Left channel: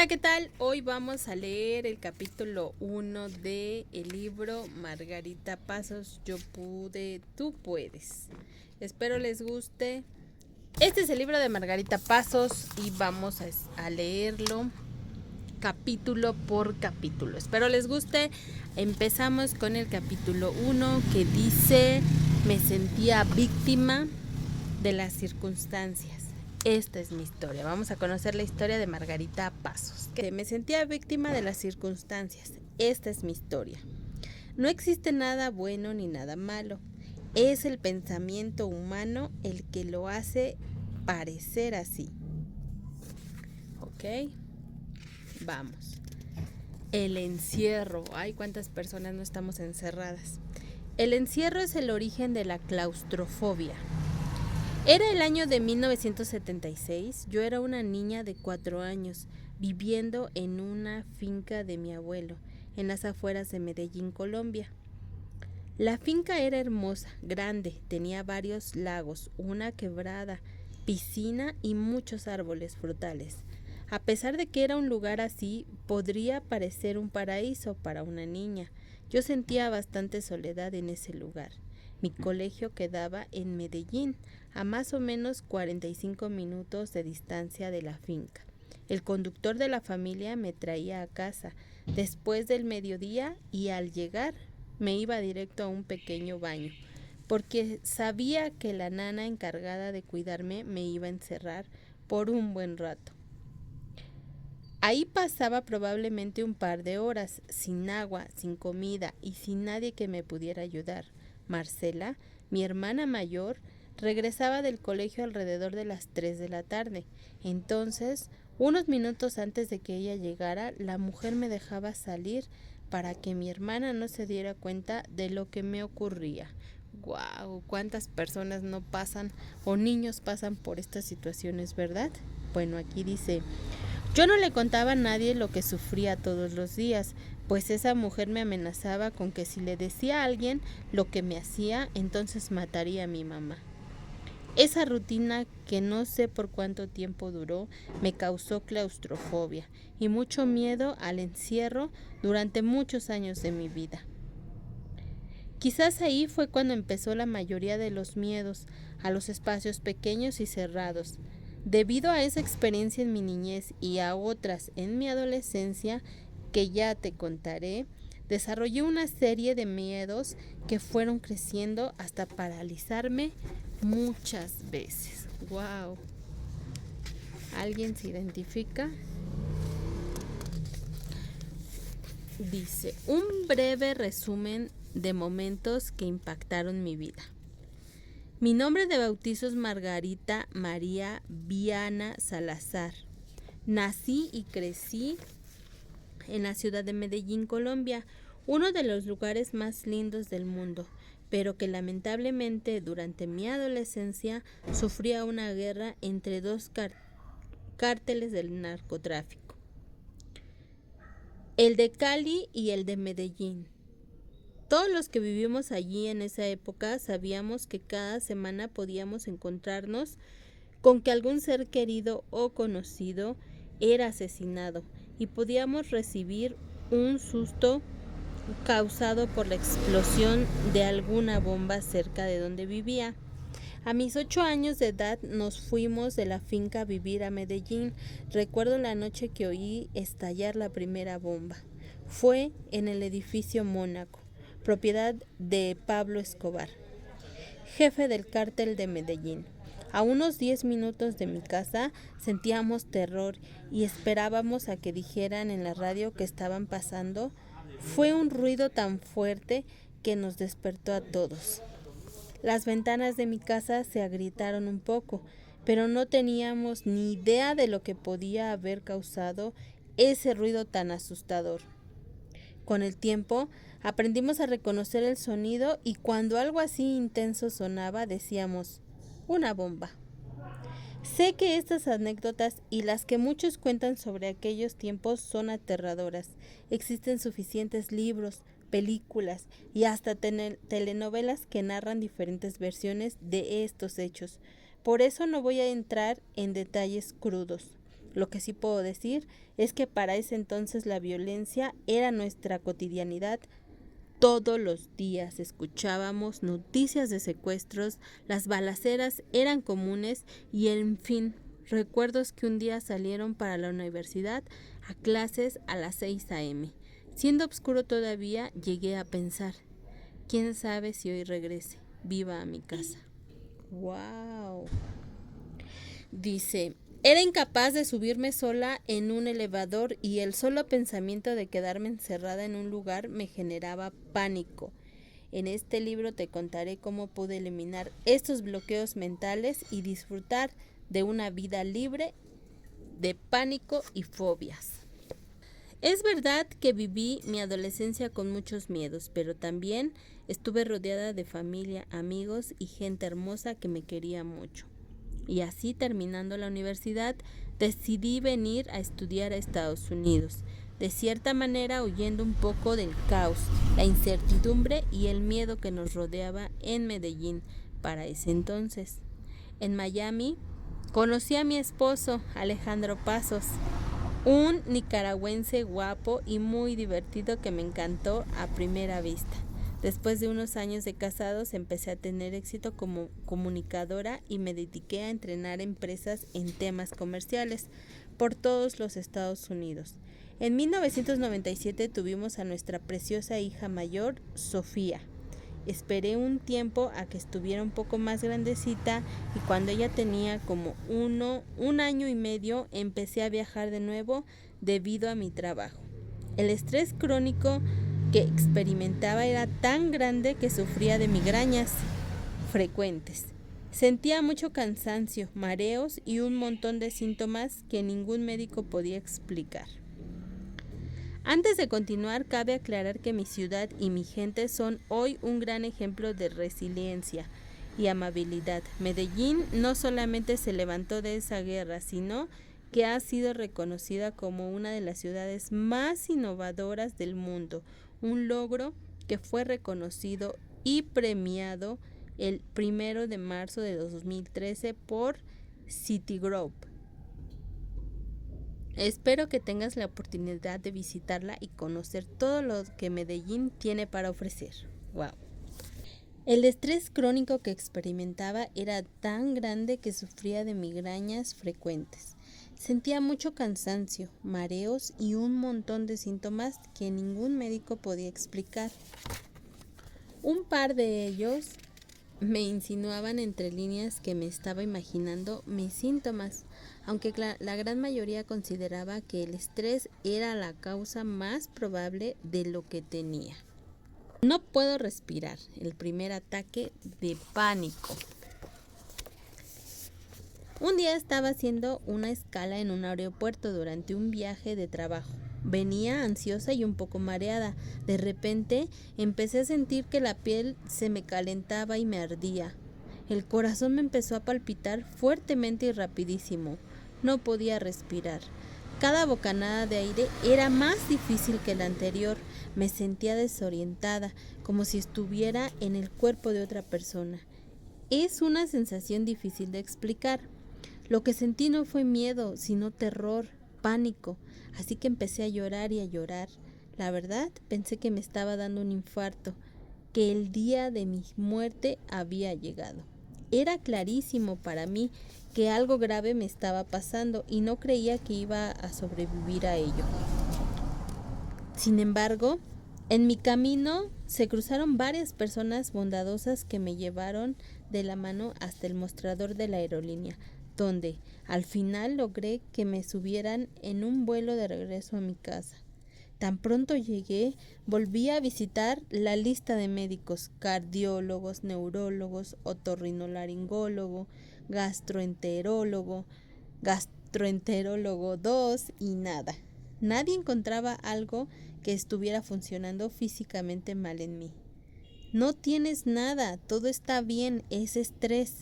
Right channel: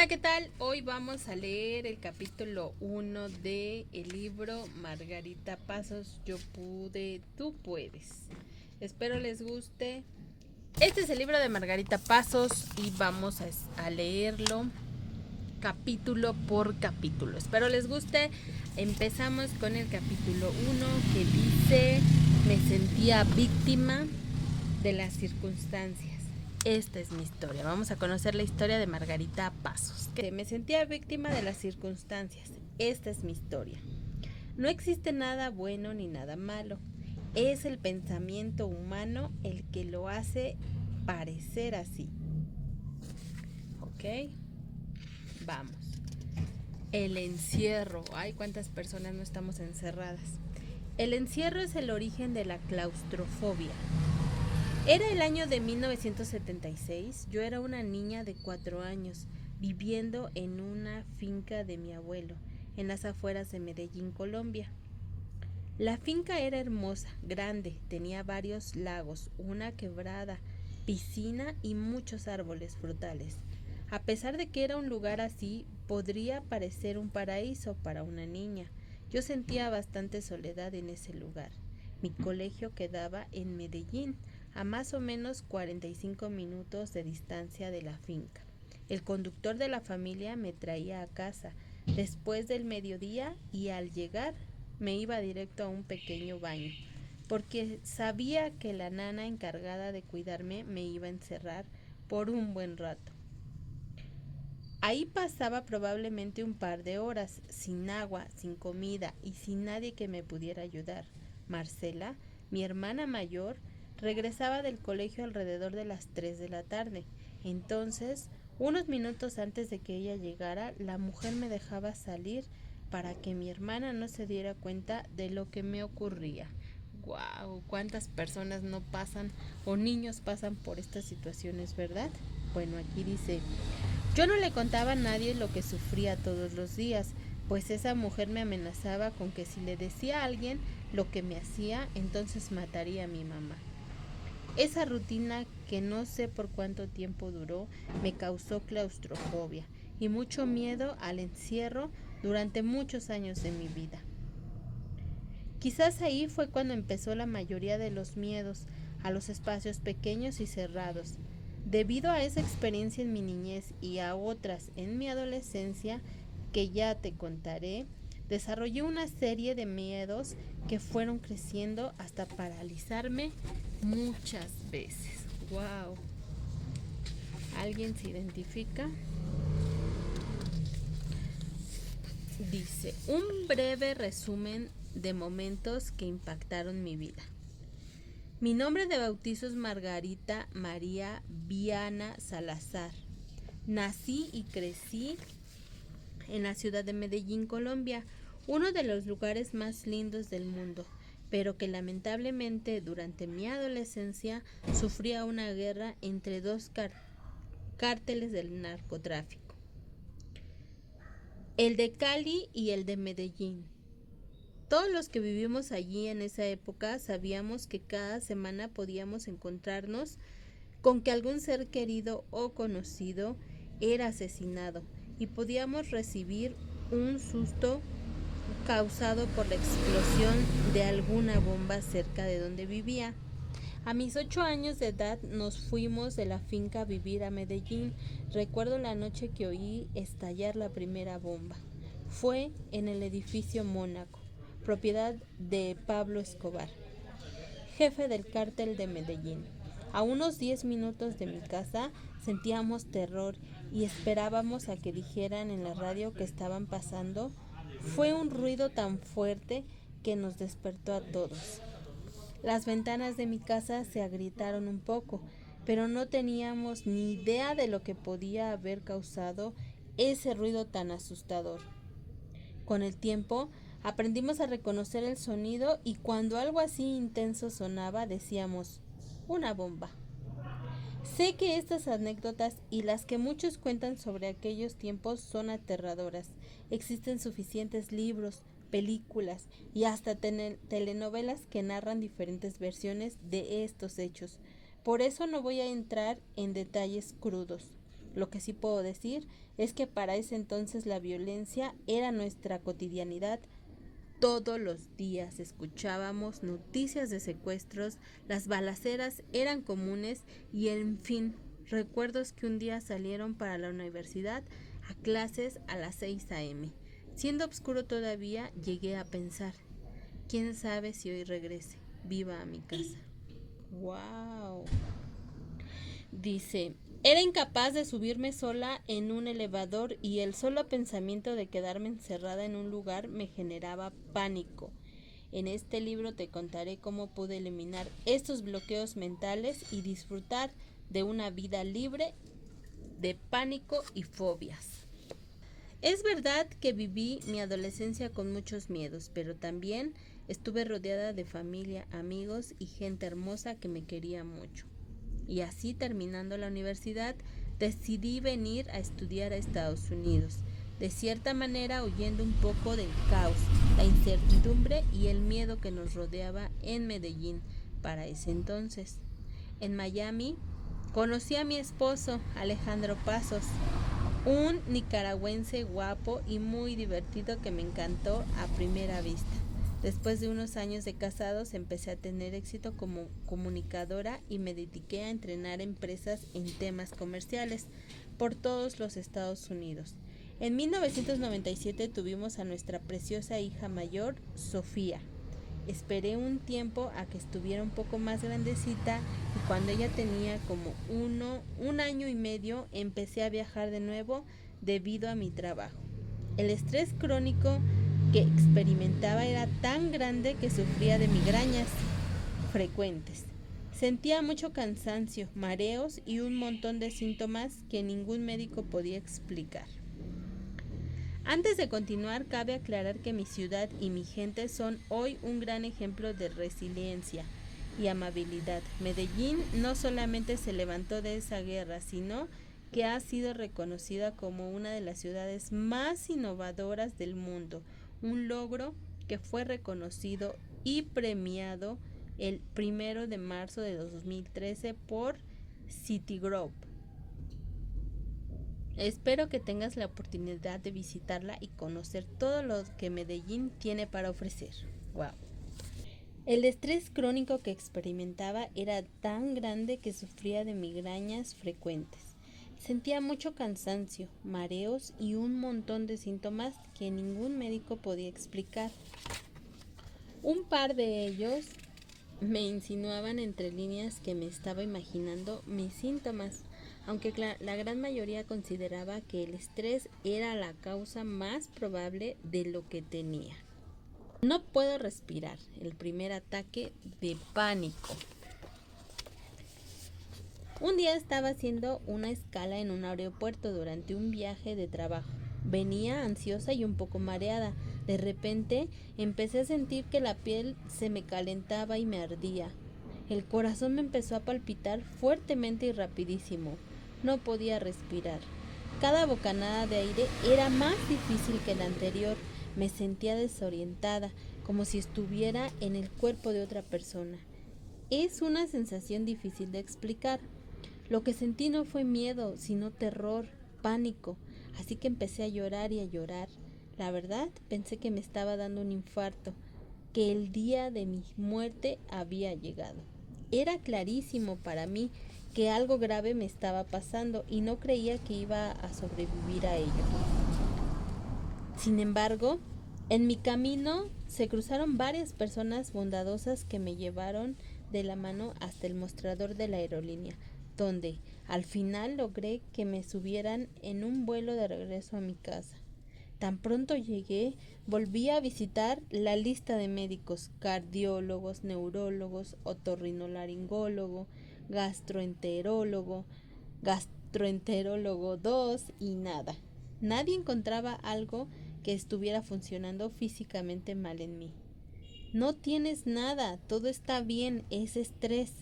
Hola, ¿qué tal? Hoy vamos a leer el capítulo 1 de el libro Margarita Pasos, Yo pude, tú puedes. Espero les guste. Este es el libro de Margarita Pasos y vamos a leerlo capítulo por capítulo. Espero les guste. Empezamos con el capítulo 1 que dice: me sentía víctima de las circunstancias. Esta es mi historia. Vamos a conocer la historia de Margarita Pasos. Me sentía víctima de las circunstancias. Esta es mi historia. No existe nada bueno ni nada malo. Es el pensamiento humano el que lo hace parecer así. ¿Ok? Vamos. El encierro. Ay, cuántas personas no estamos encerradas. El encierro es el origen de la claustrofobia. Era el año de 1976, yo era una niña de 4 años, viviendo en una finca de mi abuelo, en las afueras de Medellín, Colombia. La finca era hermosa, grande, tenía varios lagos, una quebrada, piscina y muchos árboles frutales. A pesar de que era un lugar así, podría parecer un paraíso para una niña. Yo sentía bastante soledad en ese lugar. Mi colegio quedaba en Medellín, a más o menos 45 minutos de distancia de la finca. El conductor de la familia me traía a casa después del mediodía y al llegar me iba directo a un pequeño baño, porque sabía que la nana encargada de cuidarme me iba a encerrar por un buen rato. Ahí pasaba probablemente un par de horas, sin agua, sin comida y sin nadie que me pudiera ayudar. Marcela, mi hermana mayor, regresaba del colegio alrededor de las 3 de la tarde. Entonces, unos minutos antes de que ella llegara, la mujer me dejaba salir para que mi hermana no se diera cuenta de lo que me ocurría. ¡Guau! ¿Cuántas personas no pasan o niños pasan por estas situaciones, verdad? Bueno, aquí dice: yo no le contaba a nadie lo que sufría todos los días, pues esa mujer me amenazaba con que si le decía a alguien lo que me hacía, entonces mataría a mi mamá. Esa rutina, que no sé por cuánto tiempo duró, me causó claustrofobia y mucho miedo al encierro durante muchos años de mi vida. Quizás ahí fue cuando empezó la mayoría de los miedos a los espacios pequeños y cerrados. Debido a esa experiencia en mi niñez y a otras en mi adolescencia, que ya te contaré, desarrollé una serie de miedos que fueron creciendo hasta paralizarme muchas veces. ¡Wow! ¿Alguien se identifica? Dice: un breve resumen de momentos que impactaron mi vida. Mi nombre de bautizo es Margarita María Viana Salazar. Nací y crecí en la ciudad de Medellín, Colombia, uno de los lugares más lindos del mundo, pero que lamentablemente durante mi adolescencia sufría una guerra entre dos cárteles del narcotráfico, el de Cali y el de Medellín. Todos los que vivimos allí en esa época sabíamos que cada semana podíamos encontrarnos con que algún ser querido o conocido era asesinado y podíamos recibir un susto causado por la explosión de alguna bomba cerca de donde vivía. A mis 8 años de edad nos fuimos de la finca a vivir a Medellín. Recuerdo la noche que oí estallar la primera bomba. Fue en el edificio Mónaco, propiedad de Pablo Escobar, jefe del cártel de Medellín. A unos 10 minutos de mi casa sentíamos terror y esperábamos a que dijeran en la radio que estaban pasando. Fue un ruido tan fuerte que nos despertó a todos. Las ventanas de mi casa se agrietaron un poco, pero no teníamos ni idea de lo que podía haber causado ese ruido tan asustador. Con el tiempo, aprendimos a reconocer el sonido y cuando algo así intenso sonaba, decíamos: una bomba. Sé que estas anécdotas y las que muchos cuentan sobre aquellos tiempos son aterradoras. Existen suficientes libros, películas y hasta telenovelas que narran diferentes versiones de estos hechos. Por eso no voy a entrar en detalles crudos. Lo que sí puedo decir es que para ese entonces la violencia era nuestra cotidianidad. Todos los días escuchábamos noticias de secuestros, las balaceras eran comunes y en fin, recuerdos que un día salieron para la universidad a clases a las 6 a.m. Siendo oscuro todavía, llegué a pensar, quién sabe si hoy regrese viva a mi casa. ¡Wow! Dice, era incapaz de subirme sola en un elevador y el solo pensamiento de quedarme encerrada en un lugar me generaba pánico. En este libro te contaré cómo pude eliminar estos bloqueos mentales y disfrutar de una vida libre de pánico y fobias. Es verdad que viví mi adolescencia con muchos miedos, pero también estuve rodeada de familia, amigos y gente hermosa que me quería mucho. Y así, terminando la universidad, decidí venir a estudiar a Estados Unidos, de cierta manera huyendo un poco del caos, la incertidumbre y el miedo que nos rodeaba en Medellín para ese entonces. En Miami conocí a mi esposo, Alejandro Pasos, un nicaragüense guapo y muy divertido que me encantó a primera vista. Después de unos años de casados empecé a tener éxito como comunicadora y me dediqué a entrenar empresas en temas comerciales por todos los Estados Unidos. En 1997 tuvimos a nuestra preciosa hija mayor, Sofía. Esperé un tiempo a que estuviera un poco más grandecita y cuando ella tenía como un año y medio empecé a viajar de nuevo debido a mi trabajo. El estrés crónico que experimentaba era tan grande que sufría de migrañas frecuentes. Sentía mucho cansancio, mareos y un montón de síntomas que ningún médico podía explicar. Antes de continuar, cabe aclarar que mi ciudad y mi gente son hoy un gran ejemplo de resiliencia y amabilidad. Medellín no solamente se levantó de esa guerra, sino que ha sido reconocida como una de las ciudades más innovadoras del mundo, un logro que fue reconocido y premiado el 1 de marzo de 2013 por Citigroup. Espero que tengas la oportunidad de visitarla y conocer todo lo que Medellín tiene para ofrecer. Wow. El estrés crónico que experimentaba era tan grande que sufría de migrañas frecuentes. Sentía mucho cansancio, mareos y un montón de síntomas que ningún médico podía explicar. Un par de ellos me insinuaban entre líneas que me estaba imaginando mis síntomas, aunque la gran mayoría consideraba que el estrés era la causa más probable de lo que tenía. No puedo respirar, el primer ataque de pánico. Un día estaba haciendo una escala en un aeropuerto durante un viaje de trabajo. Venía ansiosa y un poco mareada. De repente empecé a sentir que la piel se me calentaba y me ardía. El corazón me empezó a palpitar fuertemente y rapidísimo. No podía respirar. Cada bocanada de aire era más difícil que la anterior. Me sentía desorientada, como si estuviera en el cuerpo de otra persona. Es una sensación difícil de explicar. Lo que sentí no fue miedo, sino terror, pánico. Así que empecé a llorar y a llorar. La verdad, pensé que me estaba dando un infarto, que el día de mi muerte había llegado. Era clarísimo para mí que algo grave me estaba pasando y no creía que iba a sobrevivir a ello. Sin embargo, en mi camino se cruzaron varias personas bondadosas que me llevaron de la mano hasta el mostrador de la aerolínea, donde al final logré que me subieran en un vuelo de regreso a mi casa. Tan pronto llegué, volví a visitar la lista de médicos, cardiólogos, neurólogos, otorrinolaringólogo, gastroenterólogo 2 y nada. Nadie encontraba algo que estuviera funcionando físicamente mal en mí. No tienes nada, todo está bien, es estrés.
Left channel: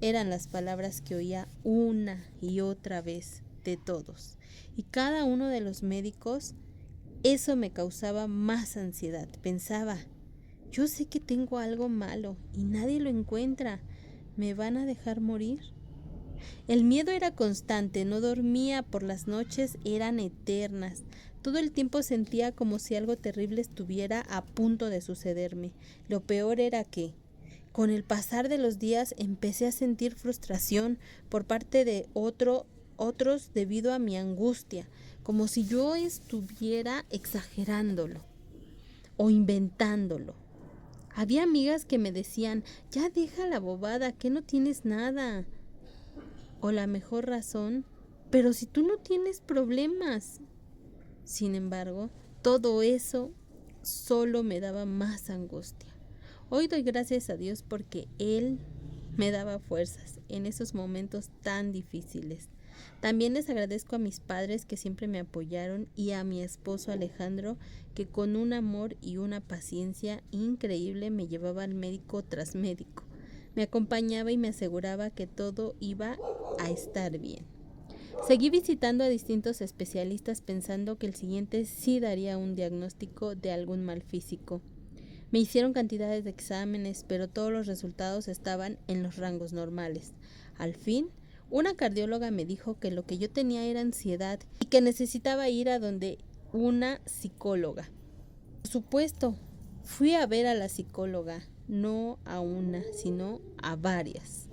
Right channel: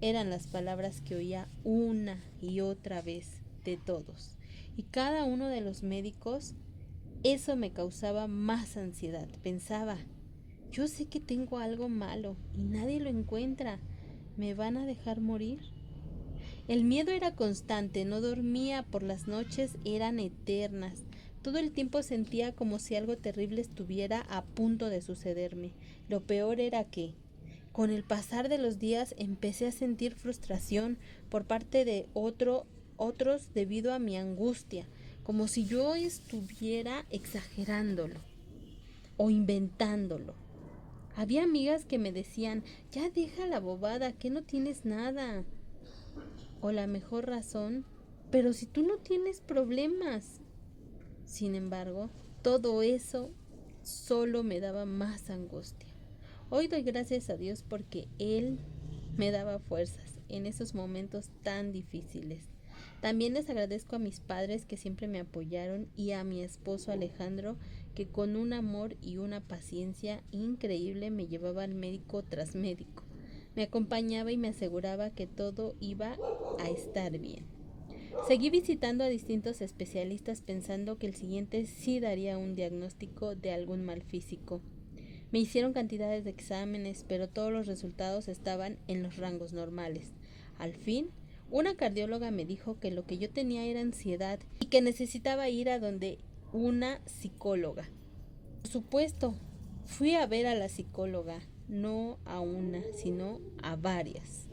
Eran las palabras que oía una y otra vez de todos. Y cada uno de los médicos, eso me causaba más ansiedad. Pensaba, yo sé que tengo algo malo y nadie lo encuentra. ¿Me van a dejar morir? El miedo era constante, no dormía por las noches, eran eternas. Todo el tiempo sentía como si algo terrible estuviera a punto de sucederme. Lo peor era que, con el pasar de los días, empecé a sentir frustración por parte de otros debido a mi angustia, como si yo estuviera exagerándolo o inventándolo. Había amigas que me decían, ya deja la bobada, que no tienes nada. O la mejor razón, pero si tú no tienes problemas. Sin embargo, todo eso solo me daba más angustia. Hoy doy gracias a Dios porque Él me daba fuerzas en esos momentos tan difíciles. También les agradezco a mis padres que siempre me apoyaron y a mi esposo Alejandro que con un amor y una paciencia increíble me llevaba al médico tras médico. Me acompañaba y me aseguraba que todo iba a estar bien. Seguí visitando a distintos especialistas pensando que el siguiente sí daría un diagnóstico de algún mal físico. Me hicieron cantidades de exámenes, pero todos los resultados estaban en los rangos normales. Al fin, una cardióloga me dijo que lo que yo tenía era ansiedad y que necesitaba ir a donde una psicóloga. Por supuesto, fui a ver a la psicóloga, no a una, sino a varias.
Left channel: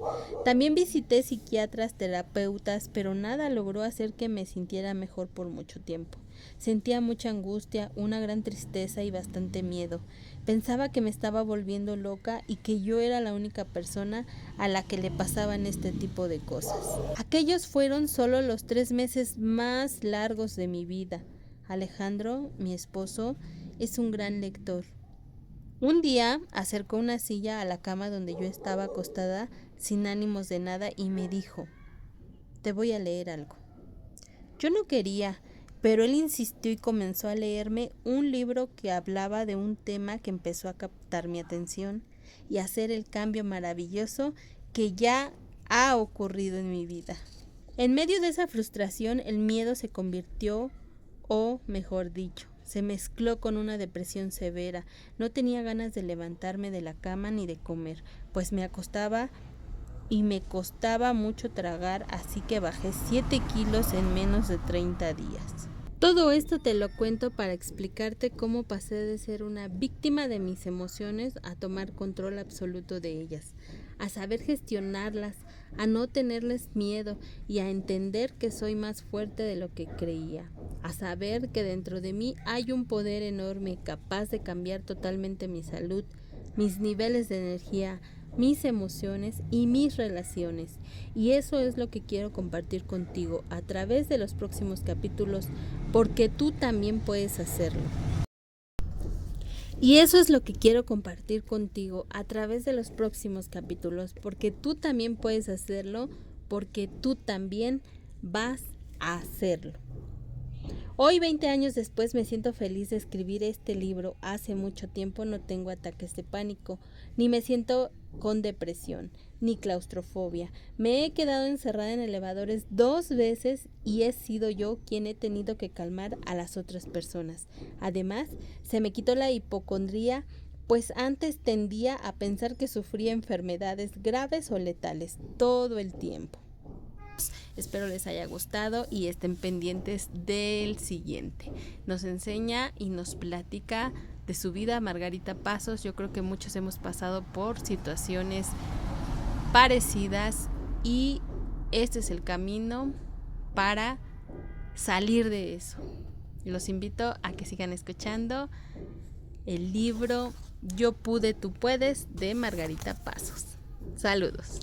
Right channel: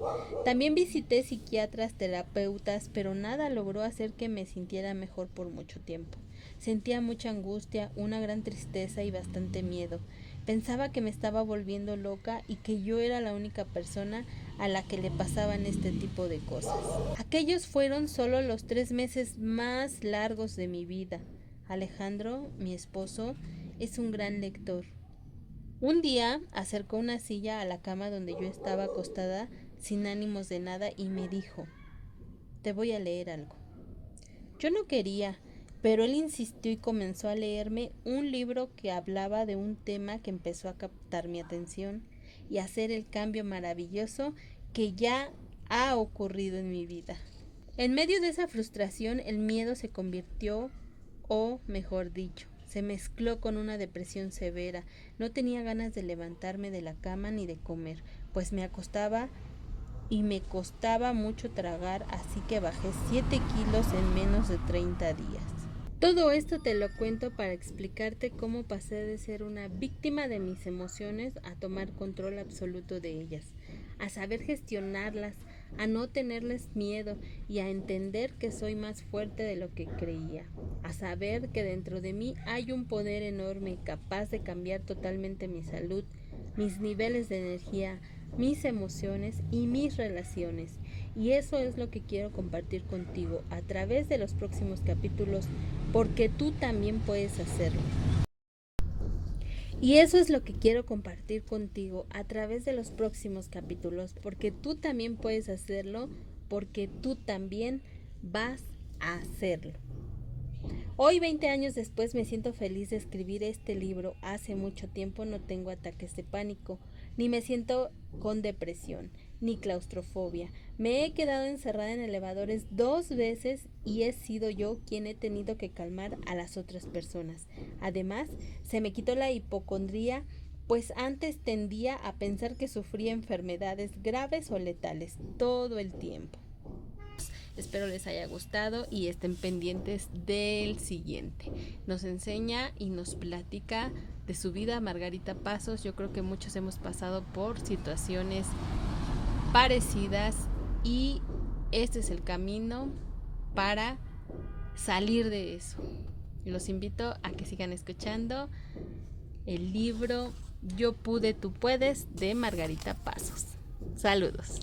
También visité psiquiatras, terapeutas, pero nada logró hacer que me sintiera mejor por mucho tiempo. Sentía mucha angustia, una gran tristeza y bastante miedo. Pensaba que me estaba volviendo loca y que yo era la única persona a la que le pasaban este tipo de cosas. Aquellos fueron solo los 3 meses más largos de mi vida. Alejandro, mi esposo, es un gran lector. Un día acercó una silla a la cama donde yo estaba acostada sin ánimos de nada y me dijo, te voy a leer algo. Yo no quería, pero él insistió y comenzó a leerme un libro que hablaba de un tema que empezó a captar mi atención y a hacer el cambio maravilloso que ya ha ocurrido en mi vida. En medio de esa frustración, el miedo se convirtió, o mejor dicho, se mezcló con una depresión severa. No tenía ganas de levantarme de la cama ni de comer, pues me acostaba y me costaba mucho tragar, así que bajé 7 kilos en menos de 30 días. Todo esto te lo cuento para explicarte cómo pasé de ser una víctima de mis emociones a tomar control absoluto de ellas, a saber gestionarlas, a no tenerles miedo y a entender que soy más fuerte de lo que creía, a saber que dentro de mí hay un poder enorme capaz de cambiar totalmente mi salud, mis niveles de energía, mis emociones y mis relaciones. Y eso es lo que quiero compartir contigo a través de los próximos capítulos, porque tú también puedes hacerlo. Y eso es lo que quiero compartir contigo a través de los próximos capítulos, porque tú también puedes hacerlo, porque tú también vas a hacerlo. Hoy, 20 años después, me siento feliz de escribir este libro. Hace mucho tiempo no tengo ataques de pánico, ni me siento con depresión, ni claustrofobia. Me he quedado encerrada en elevadores 2 veces y he sido yo quien he tenido que calmar a las otras personas. Además, se me quitó la hipocondría, pues antes tendía a pensar que sufría enfermedades graves o letales todo el tiempo. Espero les haya gustado y estén pendientes del siguiente. Nos enseña y nos platica de su vida Margarita Pasos. Yo creo que muchos hemos pasado por situaciones parecidas y este es el camino para salir de eso. Los invito a que sigan escuchando el libro Yo pude, tú puedes de Margarita Pasos. Saludos.